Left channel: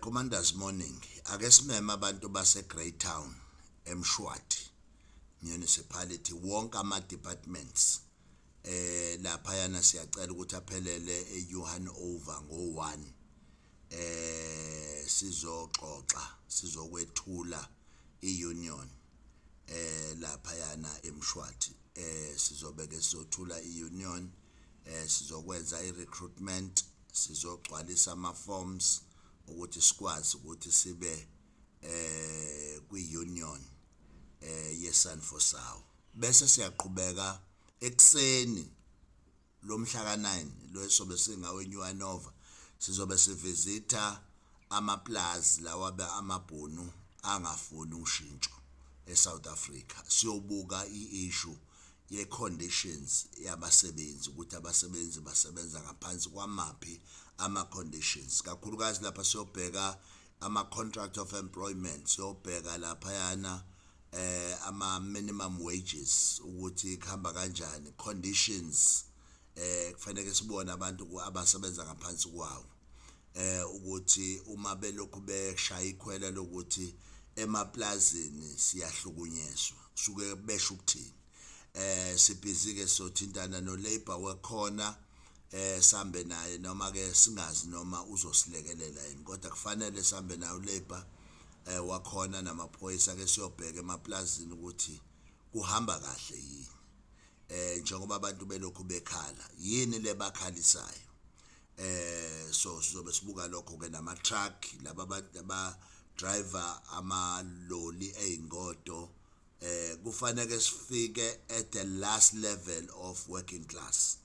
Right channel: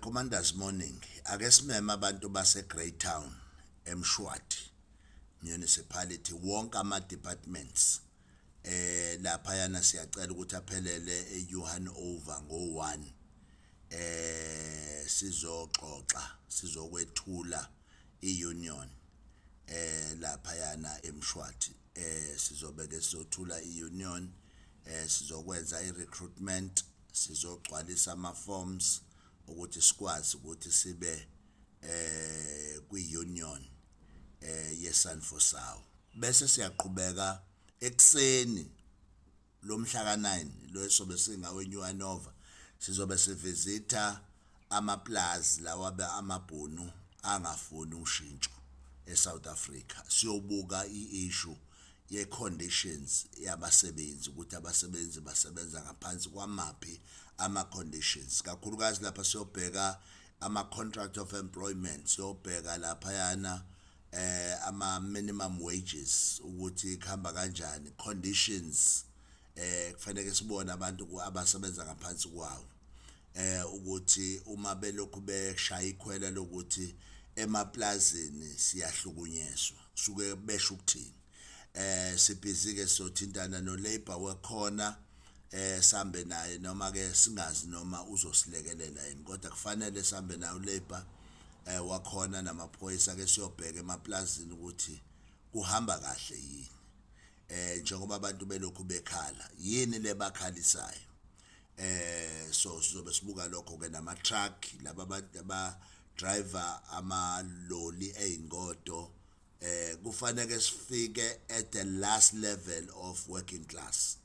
Commanders morning. Ake simeme abantu base Greytown eMshwathi municipality wonke ama departments lapha yana siyacela ukuthi aphelele eJohan over ngo1 sizoxoxa sizokwethula iunion lapha yana eMshwathi sizobeke sizothula iunion sizokwenza irecruitment sizogcwalisa ama forms ukuthi sikwazi ukuthi sibe kwi-union yeSanfosao bese siyaqhubeka ekseni lomhla ka9 lo sobe singawe Nova sizobe sivisita amaplaza lawa amabhunu angafuni ushintsho eSouth Africa siyobuka iissue ye-conditions yabasebenzi ukuthi abasebenzi basebenza ngaphansi kwamaphi ama-conditions kakhulukazi lapha siyobheka ama-contract of employment siyobheka lapha yana ama-minimum wages ukuthi kuhamba kanjani conditions kufanele sibone abantu abasebenza ngaphansi kwawo ukuthi uma belokhu beshaya ikhwela lokuthi emaplazini siyahlukunyezwa kusuke besho ukuthini sibhizi ke sothintana no labor wekhona sambe naye noma ke singazi noma uzosilekelela yini kodwa kufanele sambe nayo labor wakhona namaphoyisa ke siyobheka emaplazini ukuthi kuhamba kahle yini njengoba abantu belokhu bekhala yini lebakhalisayo so sizobe sibuka lokho ke nama truck laba abantu aba driver ama loli eingodo kufanele sifike at the last level of working class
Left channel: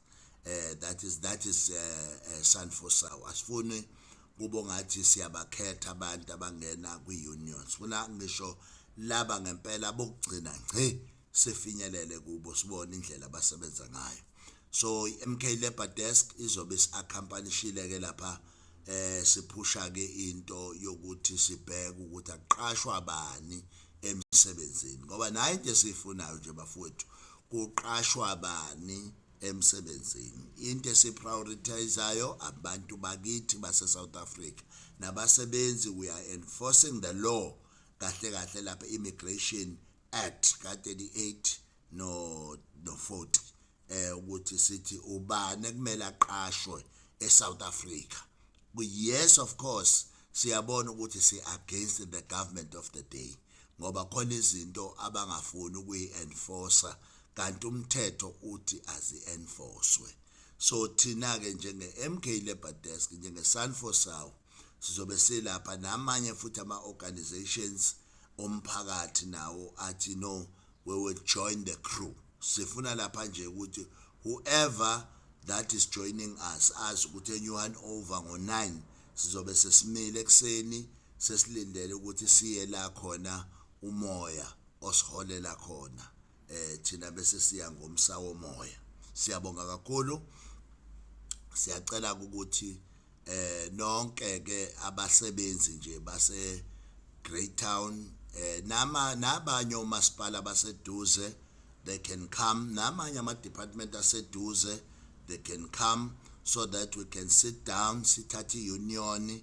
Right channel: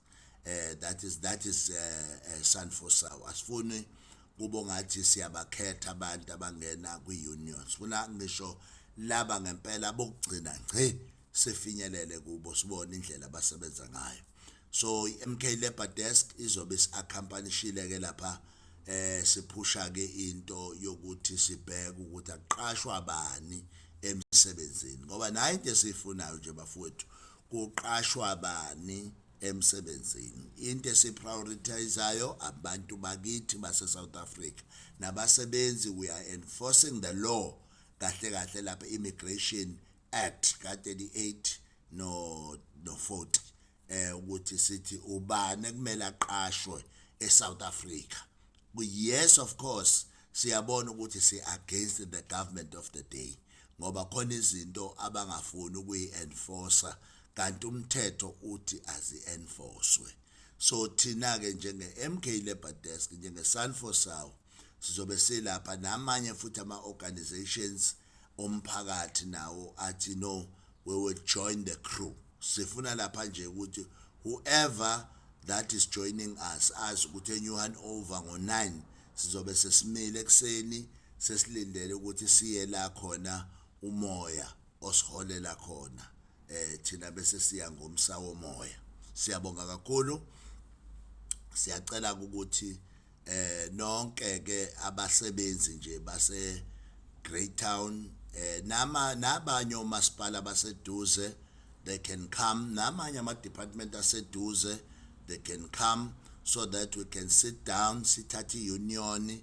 that is Sanfosao asifuni kube ngathi siyabakhetha abantu abangena kwi-union sifuna ngisho laba ngempela bokugcina ngci sifinyelele kubo sibone indlela abasebenza ngayo so MK Labor Desk izobe isiaccompanyishile ke lapha siphusha ke into yokuthi sibheke ukuthi aqashwa bani emsebenzini ngoba nayo into esifunayo nje bafowethu kuqashwa bani emsebenzini into esiprioritizeayo abantu bakithi base South Africa nabasebenzi we are enforcing the law kahle kahle lapha Immigration Act ka38 no 40 ukuthi sithi ubani kumele aqashwe eSouth Africa yes of course siyabona ukuthi si against the government of the day ngoba khona izinto abangafuni ukuyi-enforcer kanti umthetho uthi azi-enforcewe so thina ke njenge MK Labor Desk njenge Sanfosao sizobe silapha namanye futhi ama-organizations omphakathi nawo athi no we will join the crew sifuna lapha nje ukuthi whoever that is joining us as ukuthi eNewan over ngo9 sizobe sesimile ekseni sesilindele ukuthi siye la khona umoya osiholela khona thina bese siya ngomsa womoya siyabonga kakhulu siyacela ukuthi nonke ke abasebenzi nje base Greytown nabanye omasipala baseduze they can come namanye ama department aseduze they can come so that we can sit down sithathe iunion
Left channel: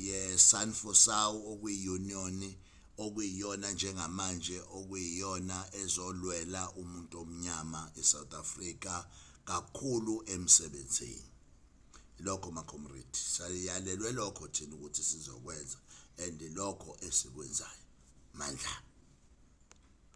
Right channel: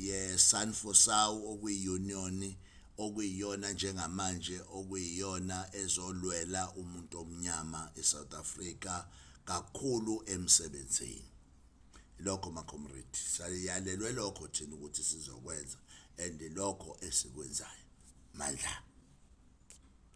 ye Sanfosao okuyiunion okuyiyona njengamanje okuyiyona ezolwela umuntu omnyama eSouth Africa kakhulu emsebenzini lokho ma comrade sayalelwe lokho thina ukuthi sizokwenza and lokho esikwenzayo mandla